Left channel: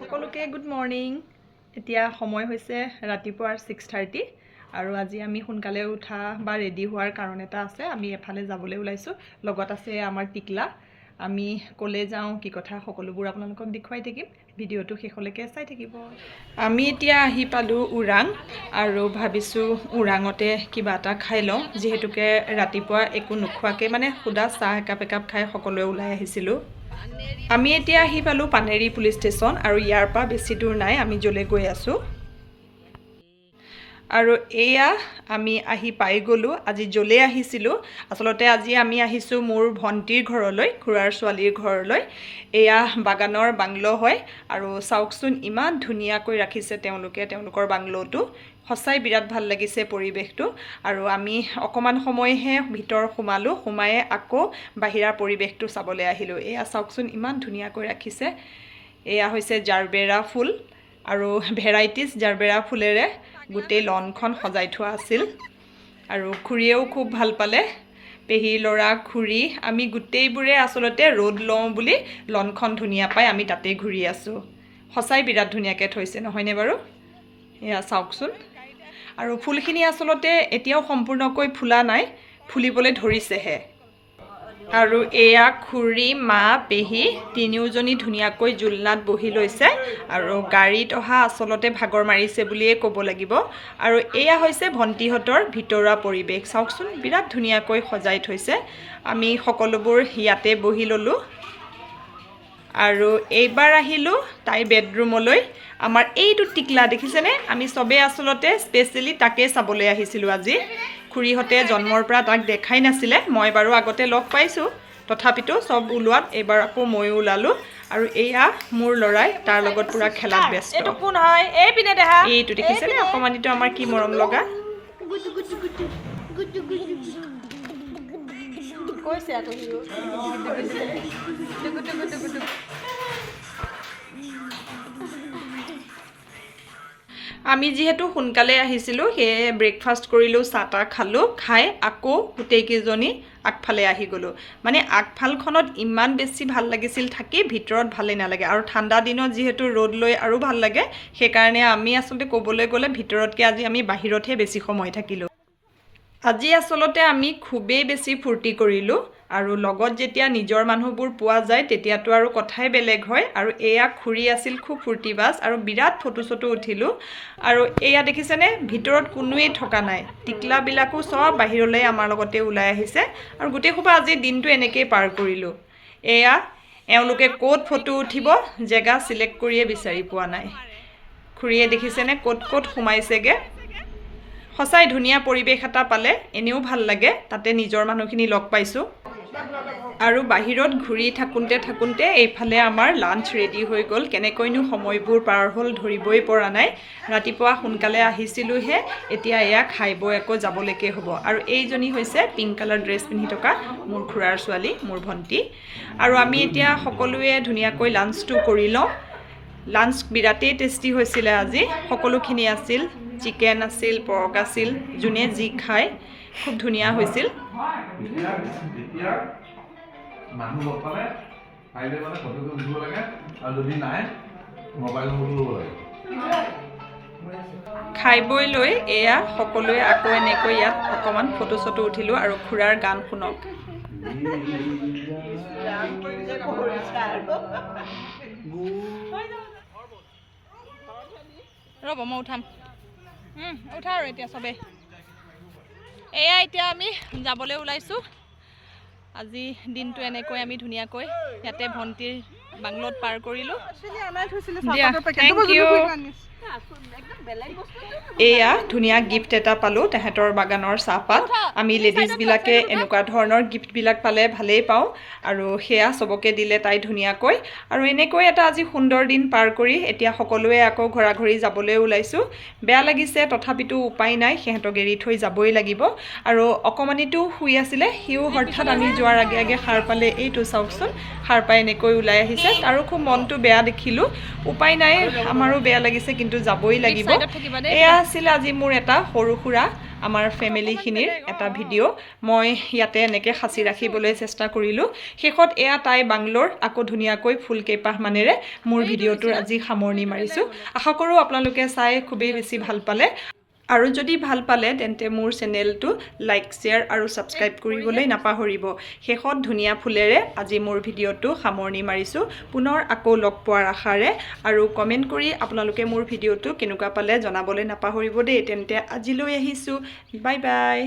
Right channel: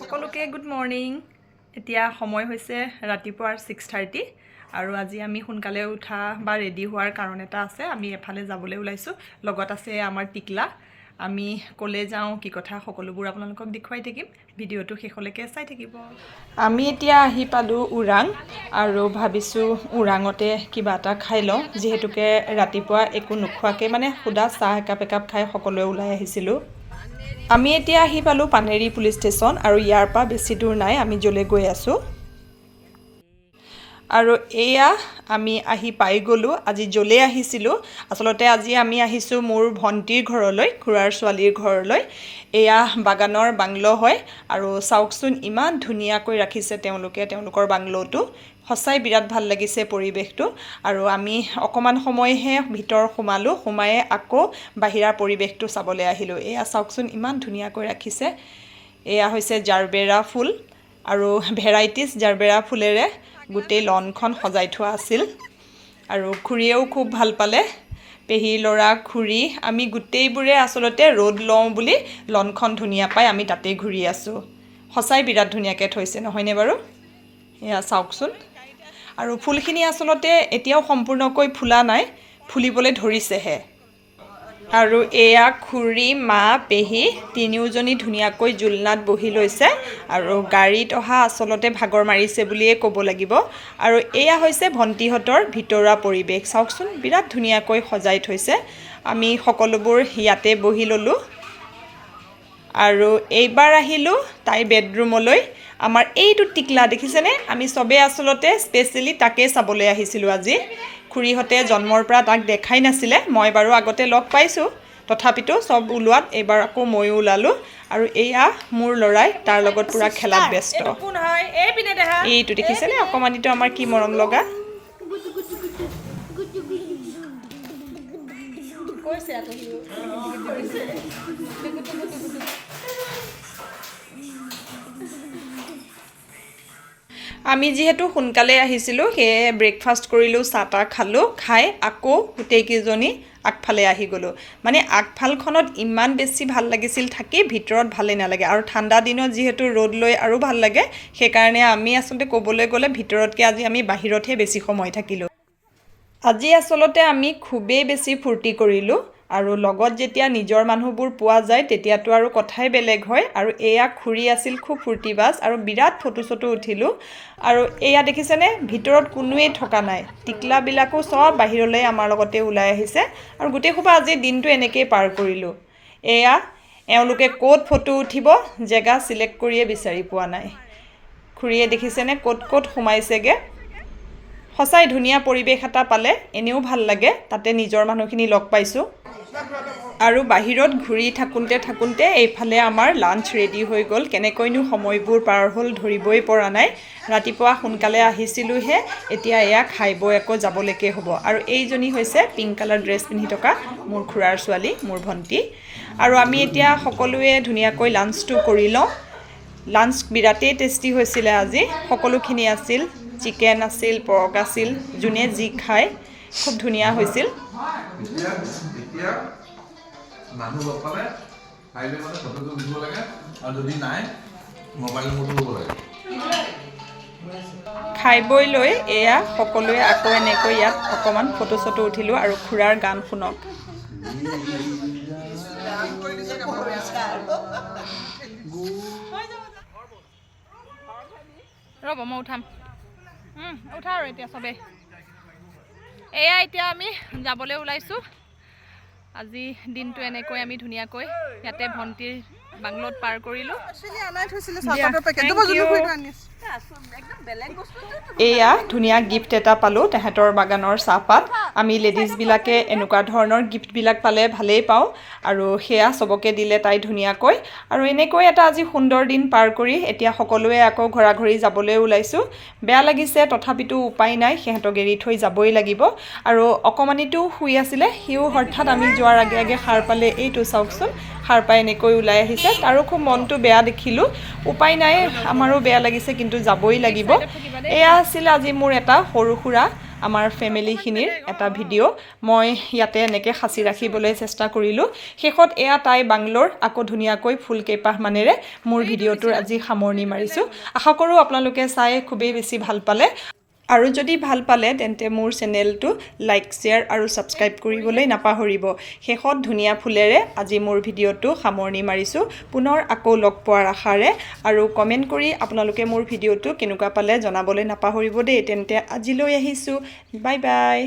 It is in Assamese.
সকলোকে গুড মৰ্ণিং। এতিয়া সময় হৈছে ৰাতিপুৱাৰ 6:30 আৰু আজি আমি সোনকালে উঠা বা ৰেডি হোৱাৰ কাৰণ এটা আছে। আমি এফালে যাবলৈ ওলাইছোঁ, লগত আছে আমাৰ টিকলা। আমি ক'লে যাওঁ, কি কথা, সকলোবোৰ আপোনালোকক দেখুৱাই থাকিম। ভিডিঅ'টো শেষলৈকে চাই থাকিব। আমি এতিয়া আহি পালোঁ ওৰাং আৰু ভাবিছোঁ ওৰাঙতে কিবা এটা খাই লওঁ, যিহেতুকে ৰাতিপুৱা একো নোখোৱাকৈ মানে সুদা চাহ একাপ খাই সকলোৱে ওলাই আহিছিলোঁ। আমি এতিয়া আহি পালোঁ পানেৰী পুলিচ ষ্টেচন আৰু ইয়াৰ পৰা বেছি দূৰ নাই, আমি য'লৈ গৈ আছোঁ। আৰু এয়া আমি আহি পাই গ'লোঁ আজি য'লৈ আহিছিলোঁ। আচলতে আজি আমি আহিছোঁ মোৰ ভণ্টিৰ ঘৰলৈ, খুৰাৰ ছোৱালীৰ ঘৰলৈ। এয়া বাগানৰ বাংলো হয় আৰু চাওকচোন ইমান ধুনীয়াকৈ ৰাখিছে তেওঁলোকৰ বাংলোটো। সঁচাই বিৰাট ভাল লাগিছে পৰিৱেশটো। আৰু আমি অকণমান সময়হে ভিতৰ সোমায়ে আকৌ বাহিৰা পৰিৱেশটো চাবলৈ আহিলোঁ। এয়া চাওকচোন ইমান ধুনীয়াকৈ ৰাখিছে। এয়া হৈছে জাৰবেৰা ফুল আৰু ভেৰাইটিজ জাৰবেৰা ফুলেৰে গোটেই লনখন সজাই থোৱা আছিল। আৰু খুৰীয়েও খুব ভাল পালে, পেহীৰ ল'ৰা, খুৰী, আমি গোটেইবোৰে আচলতে ৰ'দ লওঁ বুলি লনখন ধুনীয়া পাই আমি তাতেই ঘূৰি আছোঁ। সঁচাই বিৰাট ধুনীয়াকৈ থৈছে, নহয়নে বাৰু? এয়া চাওকচোন। আৰু ফুলখিনি আচলতে এতিয়াও সম্পূৰ্ণকৈ ফুলা নাই, ফুলিবলৈ ধৰিছেহে। আৰু এয়া খুৰী, মা, পেহী তিনিওজনী ধুনীয়াকৈ জোলনাত বহি লৈছে আৰু গাড়ীত অহা আচলতে ভাগৰ মাৰিছে বুলিয়েই ক'ব লাগিব। আৰু এয়া হৈছে ভণ্টিহঁতৰ ভিতৰুৱা পৰিৱেশ। চাওকচোন বিৰাট ধুনীয়াকৈ সজাই থৈছে। আমি সকলোবোৰ ইয়াতে বহি ল'লোঁ আৰু এইবাৰ আহিলোঁ তাইৰ বেডৰুমলৈ। আমাৰ এইটো টিকলা দেখিছেনে? আমি চবেই আচলতে স্পেচিয়েলি তাকেই চাবলৈ আহিছিলোঁ আজি। খুৰীহঁতে জন্মৰ পৰা তাক দেখাই নাছিলে, মই বাৰু আগতে লগ পাইছোঁ, তথাপিতো চব ওলোৱাত এইবাৰ আকৌ ময়ো ওলালোঁ। আৰু এয়া মোৰ ল'ৰাই তাৰ লগত পূৰা খেলাত ব্যস্ত। এইটো দেখিছেনে অকণমানিটো আমাৰ কি মৰম লগা। আমি যিহেতু সোনকালে আহিছিলোঁ, সেয়ে ব্ৰেকফাষ্ট কৰিলোঁ, চাহ তাহ খালোঁ, খাই আকৌ গোটেইকেইজনী আগফালে আহি গ'লোঁ। মানে আগফালখনত ইমান বেছি ভাল লাগিছিল থাকি, ভিতৰত ভালেই নালাগে। আৰু ঠাণ্ডা দিনত যিহেতু ৰ'দ লৈ আৰু ভাল লাগে, সেইকাৰণে আমি আচলতে ক'বলৈ গ'লে ভিতৰতকৈ আজি আমি বাহিৰতহে বেছি সময় থাকিলোঁ। আজি আচলতে আমি খুবেই বেছি ফূৰ্তি কৰিলোঁ। আৰু লগত যেতিয়া নিজৰ মানুহবোৰ পোৱা যায় তেতিয়াতো আৰু কথাই বেলেগ হয়। আৰু এয়া খুৰী আছিল খুব ফূৰ্তিবাজ আৰু বিৰাট ফটো চটো উঠিলোঁ। আৰু এয়া দেখিছেনে, ভিতৰত কোনোৱেই থকা নাই, টিকলাবিলাকো চব বাহিৰলৈ আমাৰ লগতে ওলাই আহিছে। আৰু গোটেই সোপা আজি দিনটো এনেকৈয়ে পাৰ কৰিলোঁ। এয়া এওঁলোকে ক'ত ফটো উঠিব জেগা চিলেক্ট কৰিয়ে বিচাৰি পোৱা নাই। খুৰীয়ে দেখিছেনে ক'ত সোমাইছেগৈ। সঁচাই ধুনীয়া পৰিৱেশ এটা পালে এনেও ভাল লাগে, তাতে নিজৰ মানুহখিনি লগ পাইছোঁ। আৰু বাহিৰত ঘূৰি থাকোঁতে এইফালে আমাৰ লাঞ্চ ৰেডি হৈ গ'ল। কেনেকৈনো সময়বোৰ পাৰ হ'ল ধৰিবই পৰা নাই। ৰাতিপুৱা সোনকালে আহিছিলোঁহে, এতিয়া এয়া খাই বৈ আকৌ যাবলৈকে হ'ব। আৰু এইজনী হৈছে পিংক কালাৰ ড্ৰেছ পিন্ধি থকা মোৰ খুৰাৰ ছোৱালী, মোৰ ভণ্টি। আৰু আমি এতিয়া সকলোৱে ধুনীয়াকৈ লাঞ্চটো কৰি লওঁ। লাঞ্চ বিৰাটেই টেষ্টি হৈছিলে আজি, সকলোখিনি আছিল, চিকেন আছিল, পৰ্ক আছিল, যোনে যি খায় খুব ধুনীয়া হৈছিল। মানুহ লগ পালে পাৰিলে মানে ফটোটো উঠিব লাগে আৰু যদি নাই মোবাইল নম্বৰটো ল'ব লাগে। খাই বৈ লৈ এয়া সকলোৱে আকৌ এনেকৈ ইয়াত অকণমান ফটো চটো উঠিলোঁ আৰু খুৰাৰ গান শুনক। ৰ'ব মই উঠাম, উঠা আৰু এতিয়া চবেই। এয়া এতিয়া আমি যাবলৈ ওলাইছোঁ। আজি দিনটো এনেকৈ আমি ধুনীয়াকৈ ইয়াতে ভণ্টিৰ বাংলোত পাৰ কৰিলোঁ। এয়া ধুনীয়া গিফ্ট এটা পালোঁ, তেহেঁতৰ বাগানৰ চাহপাত। আমি লেডিজবিলাকে এনেকুৱা ধৰণৰ গিফ্টবিলাক পালে ভালেই পাওঁ আৰু সেয়া চবকে দিলে তাই ধুনীয়াকৈ। আৰু এনেকৈ এটা আজি সুন্দৰ দিন পাৰ কৰি এতিয়া সকলোৱে আকৌ ঘৰা ঘৰি যাবলৈ ওলাইছোঁ। বেয়া লাগিছে, তথাপিতো উপায় নাই, সিহঁতক এৰি থৈ যাবই লাগিব। আৰু অকণমানিটো শুই আছিলে, সিও হঠাৎ আমি যোৱাৰ আগে আগে সাৰ পালে। এইটো চাওকচোন, সাৰ পাই এনেকৈ ওলাই আহিছে, তাৰো খুব মনটো বেয়া দেখিলোঁ। উপায় নাই, আমাৰো বেয়া লাগিছে, কিন্তু যাবই লাগিব। এয়া আছিল আজি মোৰ এটা সৰু সুৰা আমাৰ ফেমিলিখিনিৰ এটা ভিডিঅ' মই ইয়াতে এনেকৈ সাঁচি ৰাখিবলৈ চেষ্টা কৰিলোঁ শেষত এয়া তাই বাংলোৰ আকৌ ধুনীয়াকৈ ফুল কেইপাহমানেৰে মোৰ ভিডিঅ'টোৰ আজি সামৰণি মাৰিছোঁ আশা কৰোঁ আপোনালোকে চাই খুবেই বেছি ভাল পালে আৰু যদি ভাল পালে তেন্তে মোৰ চেনেলটো লাইক শ্বেয়াৰ আৰু ছাবস্ক্ৰাইব কৰিবলৈ নাপাহৰিব শেষত ধুনীয়া ফুলেৰে আজি মোৰ ভিডিঅ'টো সামৰণি মাৰিছোঁ পুনৰ আকৌ লগ পোৱাৰ আশাৰে আৰু কমেণ্ট কৰি আপোনালোকে মোৰ ভিডিঅ'টো কেনেকুৱা পালে জনাবলৈ নাপাহৰিব দেই তেন্তে আজিলৈ আহিছোঁ বাই বাই